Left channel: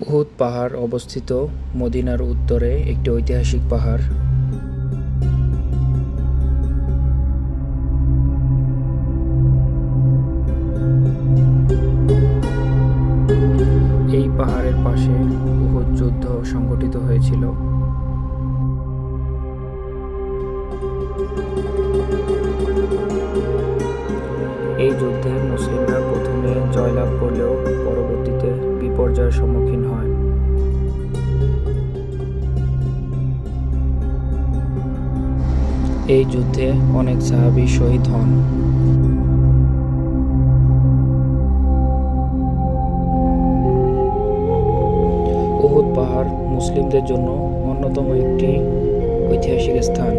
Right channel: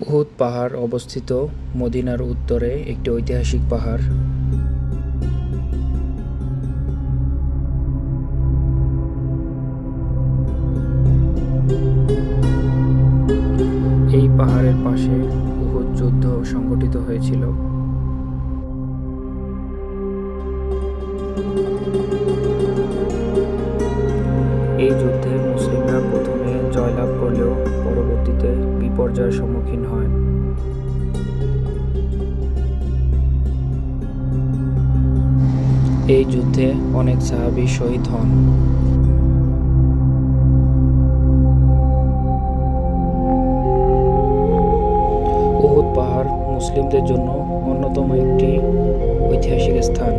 উহুদ পাহাড় অবস্থিত মদিনার উত্তরে একটি ঐতিহাসিক পাহাড়। এই পাহাড়ের পাশে উহুদ যুদ্ধ সংঘটিত হয়েছিল। এই যুদ্ধে মুসলিমরা প্রথমে জয়লাভ করলেও পরবর্তীতে বিপর্যয়ের সম্মুখীন হয়। এই যুদ্ধে অনেক সাহাবী শহীদ হন। উহুদ পাহাড় মুসলিমদের জন্য অন্যতম একটি ঐতিহাসিক স্থান।